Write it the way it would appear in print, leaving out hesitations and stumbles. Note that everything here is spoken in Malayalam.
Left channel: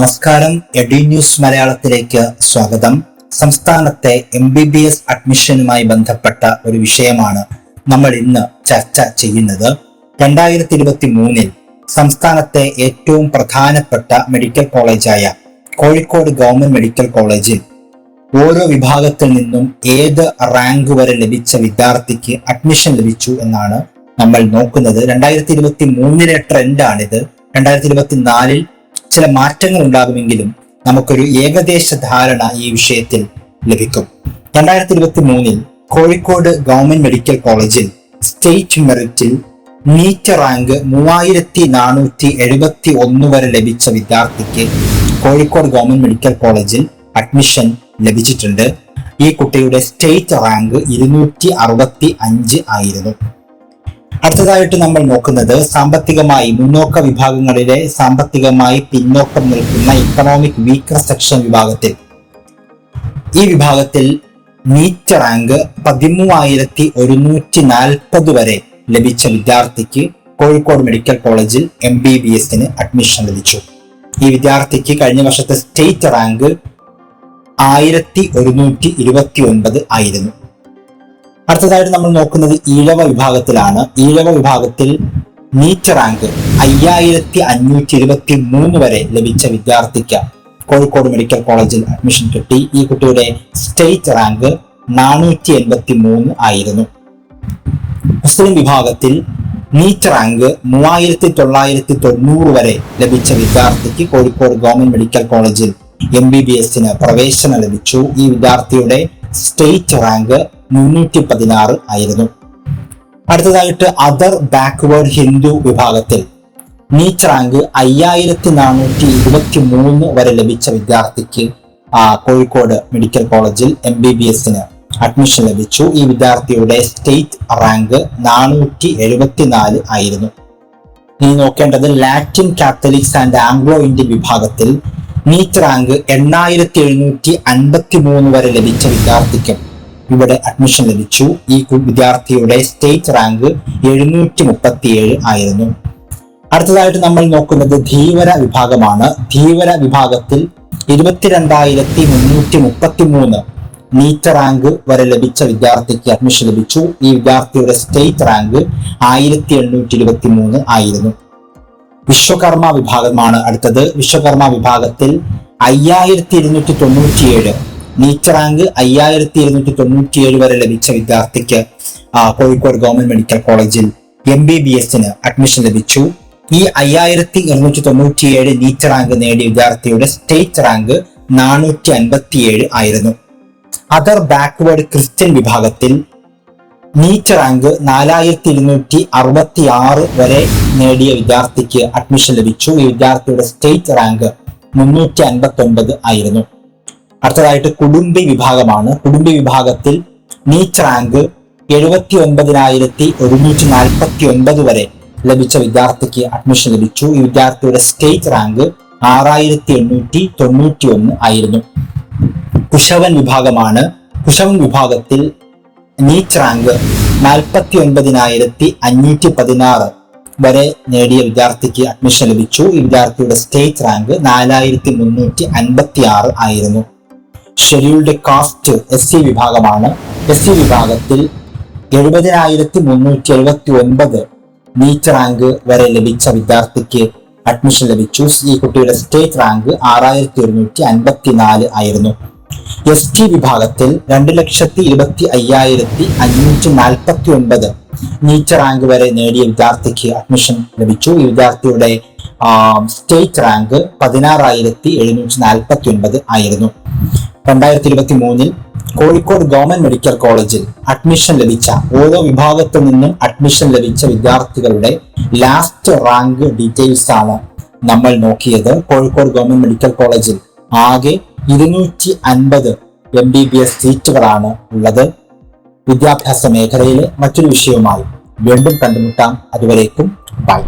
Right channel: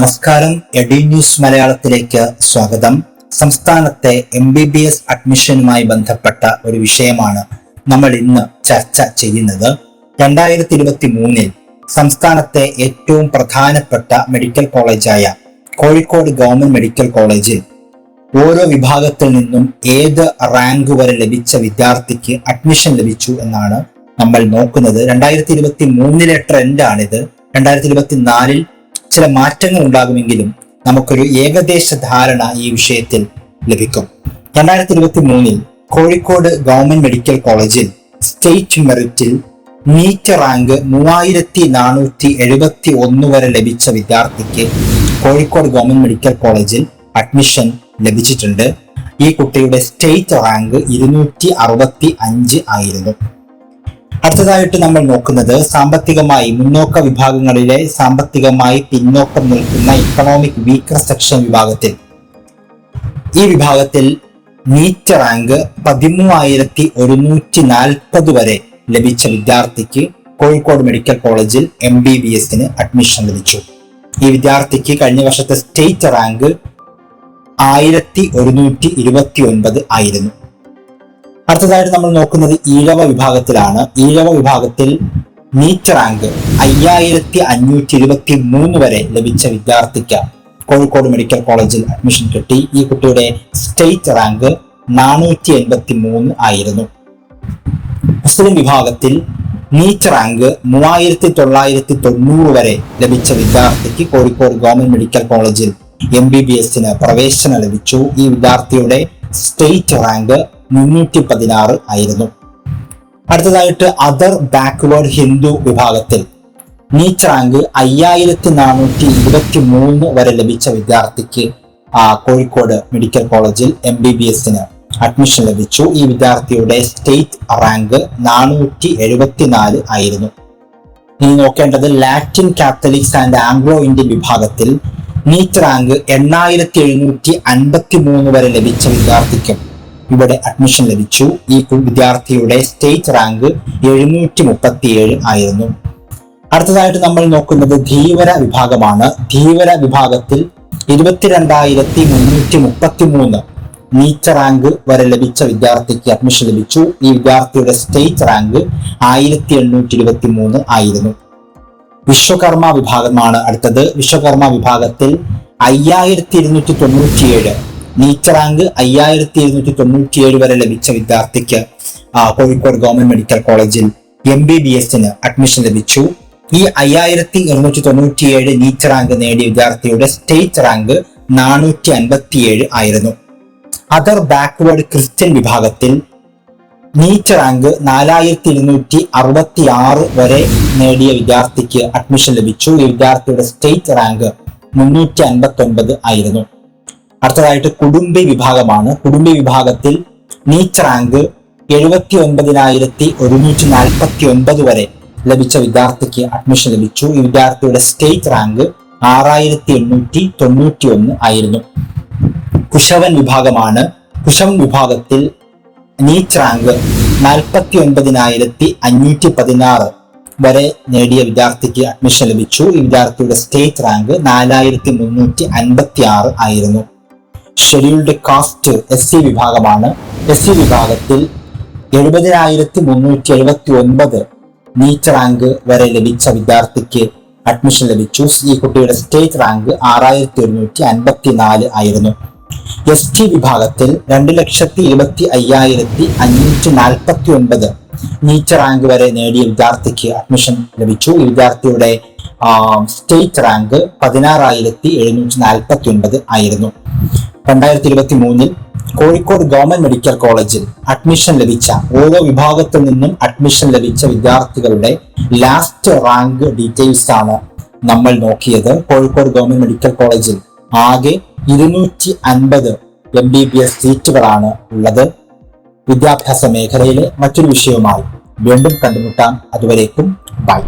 നമസ്കാരം. എഡി ന്യൂസ് മലയാളത്തിലേക്ക് സ്വാഗതം. സംസ്ഥാനത്തെ MBBS അഡ്മിഷനുമായി ബന്ധപ്പെട്ട ഒരു വിഷയമാണ് നമ്മൾ ഇന്ന് ചർച്ച ചെയ്യുന്നത്. 2023 സംസ്ഥാനത്തെ ഏറ്റവും പ്രധാനപ്പെട്ട മെഡിക്കൽ കോളേജായ കോഴിക്കോട് ഗവൺമെന്റ് മെഡിക്കൽ കോളേജിൽ ഓരോ വിഭാഗത്തിൽ നിന്നും ഏത് റാങ്ക് വരെ ലഭിച്ച വിദ്യാർത്ഥിക്ക് അഡ്മിഷൻ ലഭിച്ചു എന്നാണ് നമ്മൾ നോക്കുന്നത്. 2023 ട്രെൻഡാണിത്. 2024 ചില മാറ്റങ്ങൾ ഉണ്ടാകുമെങ്കിലും നമുക്കൊരു ഏകദേശ ധാരണ ഈ വിഷയത്തിൽ ലഭിക്കും. 2023 കോഴിക്കോട് ഗവൺമെന്റ് മെഡിക്കൽ കോളേജിൽ സ്റ്റേറ്റ് മെറിറ്റിൽ നീറ്റ് റാങ്ക് 3471 വരെ ലഭിച്ച വിദ്യാർത്ഥിക്ക് കോഴിക്കോട് ഗവൺമെന്റ് മെഡിക്കൽ കോളേജിൽ അഡ്മിഷൻ ലഭിച്ചിട്ടുണ്ട്. ഈ കുട്ടിയുടെ സ്റ്റേറ്റ് റാങ്ക് 265 ആയിരുന്നു. അടുത്തതായിട്ട് നമ്മൾ നോക്കുന്നത് സാമ്പത്തികമായി മുന്നോക്ക വിഭാഗങ്ങളിലെ സാമ്പത്തികമായി പിന്നോക്കം നിൽക്കുന്ന ഇക്കണോമിക് വീക്കർ സെക്ഷൻ വിഭാഗത്തിൽ ഈ വിഭാഗത്തിൽ നീറ്റ് റാങ്ക് 13,140 വരെ ലഭിച്ച വിദ്യാർത്ഥിക്ക് കോഴിക്കോട് മെഡിക്കൽ കോളേജിൽ MBBS അഡ്മിഷൻ ലഭിച്ചു. ഈ വിദ്യാർത്ഥിക്ക് കഴിഞ്ഞ വർഷത്തെ സ്റ്റേറ്റ് റാങ്ക് 1129 ആയിരുന്നു. അടുത്തതായിട്ട് നമ്മൾ നോക്കുന്നത് ഈഴവ വിഭാഗത്തിലാണ്. ഈഴവ വിഭാഗത്തിൽ നീറ്റ് റാങ്ക് 5,523 വരെ ലഭിച്ച വിദ്യാർത്ഥിക്ക് കോഴിക്കോട് മെഡിക്കൽ കോളേജിൽ അഡ്മിഷൻ കിട്ടി. ഈ കുട്ടിയുടെ സ്റ്റേറ്റ് റാങ്ക് 483 ആയിരുന്നു. മുസ്ലിം വിഭാഗത്തിൽ നീറ്റ് റാങ്ക് 3,990 വരെ ലഭിച്ച വിദ്യാർത്ഥിക്ക് കോഴിക്കോട് ഗവൺമെന്റ് മെഡിക്കൽ കോളേജിൽ MBBS പ്രവേശനം ലഭിച്ചു. ഈ വിദ്യാർത്ഥിയുടെ സ്റ്റേറ്റ് റാങ്ക് 316 ആയിരുന്നു. അടുത്തതായിട്ട് അതർ ബാക്ക്വേർഡ് ഹിന്ദു വിഭാഗത്തിൽ നീറ്റ് റാങ്ക് 5,423 വരെ ലഭിച്ച വിദ്യാർത്ഥിക്ക് കോഴിക്കോട് മെഡിക്കൽ കോളേജിൽ MBBS അഡ്മിഷൻ ലഭിച്ചു. ഈ വിദ്യാർത്ഥിയുടെ സ്റ്റേറ്റ് റാങ്ക് 474 ആയിരുന്നു. ഇനി നോക്കേണ്ടത് Latin Catholics and Anglo Indian വിഭാഗത്തിൽ നീറ്റ് റാങ്ക് 8,753 വരെ ലഭിച്ച വിദ്യാർത്ഥിക്ക് ഇവിടെ അഡ്മിഷൻ ലഭിച്ചു. ഈ വിദ്യാർത്ഥിയുടെ സ്റ്റേറ്റ് റാങ്ക് 737 ആയിരുന്നു. അടുത്തതായിട്ട് നമ്മൾ നോക്കുന്നത് ധീവര വിഭാഗമാണ്. ധീവര വിഭാഗത്തിൽ 22,333 നീറ്റ് റാങ്ക് വരെ ലഭിച്ച വിദ്യാർത്ഥിക്ക് അഡ്മിഷൻ ലഭിച്ചു. ഈ വിദ്യാർത്ഥിയുടെ സ്റ്റേറ്റ് റാങ്ക് 1,823 ആയിരുന്നു. വിശ്വകർമ്മ വിഭാഗമാണ് അടുത്തത്. വിശ്വകർമ്മ വിഭാഗത്തിൽ 5,297 നീറ്റ് റാങ്ക് 5,297 വരെ ലഭിച്ച വിദ്യാർത്ഥിക്ക് കോഴിക്കോട് ഗവൺമെന്റ് മെഡിക്കൽ കോളേജിൽ MBBS അഡ്മിഷൻ ലഭിച്ചു. ഈ 5,297 നീറ്റ് റാങ്ക് നേടിയ വിദ്യാർത്ഥിയുടെ സ്റ്റേറ്റ് റാങ്ക് 457 ആയിരുന്നു. അതർ ബാക്ക്വേർഡ് ക്രിസ്ത്യൻ വിഭാഗത്തിൽ നീറ്റ് റാങ്ക് 4,266 വരെ നേടിയ വിദ്യാർത്ഥിക്ക് അഡ്മിഷൻ ലഭിച്ചു. ഈ വിദ്യാർത്ഥിയുടെ സ്റ്റേറ്റ് റാങ്ക് 359 ആയിരുന്നു. അടുത്തതായിട്ട് കുടുംബി വിഭാഗമാണ്. കുടുംബി വിഭാഗത്തിൽ നീറ്റ് റാങ്ക് 79,149 വരെ ലഭിച്ച വിദ്യാർത്ഥിക്ക് അഡ്മിഷൻ ലഭിച്ചു. ഈ വിദ്യാർത്ഥിയുടെ സ്റ്റേറ്റ് റാങ്ക് 6,891 ആയിരുന്നു. കുശവൻ വിഭാഗമാണ്. കുശവൻ വിഭാഗത്തിൽ നീറ്റ് റാങ്ക് 49,516 വരെ നേടിയ വിദ്യാർത്ഥിക്ക് അഡ്മിഷൻ ലഭിച്ചു. ഈ വിദ്യാർത്ഥിയുടെ സ്റ്റേറ്റ് റാങ്ക് 4,356 ആയിരുന്നു. ഷെഡ്യൂൾഡ് കാസ്റ്റ് SC വിഭാഗമാണ്. SC വിഭാഗത്തിൽ 70,379 നീറ്റ് റാങ്ക് വരെ ലഭിച്ച വിദ്യാർത്ഥിക്ക് അഡ്മിഷൻ ലഭിച്ചു. ഈ കുട്ടിയുടെ സ്റ്റേറ്റ് റാങ്ക് 6,154 ആയിരുന്നു. ST വിഭാഗത്തിൽ 2,25,549 നീറ്റ് റാങ്ക് വരെ നേടിയ വിദ്യാർത്ഥിക്ക് അഡ്മിഷൻ ലഭിച്ചു. ഈ വിദ്യാർത്ഥിയുടെ സ്റ്റേറ്റ് റാങ്ക് 16,749 ആയിരുന്നു. 2023 കോഴിക്കോട് ഗവൺമെന്റ് മെഡിക്കൽ കോളേജിൽ അഡ്മിഷൻ ലഭിച്ച ഓരോ വിഭാഗത്തിൽ നിന്നും അഡ്മിഷൻ ലഭിച്ച വിദ്യാർത്ഥികളുടെ ലാസ്റ്റ് റാങ്ക് ഡീറ്റെയിൽസ് ആണ് നമ്മൾ നോക്കിയത്. കോഴിക്കോട് ഗവൺമെന്റ് മെഡിക്കൽ കോളേജിൽ ആകെ 250 MBBS സീറ്റുകളാണ് ഉള്ളത്. വിദ്യാഭ്യാസ മേഖലയിലെ മറ്റൊരു വിഷയവുമായി വീണ്ടും കണ്ടുമുട്ടാം. അതുവരേക്കും ബൈ.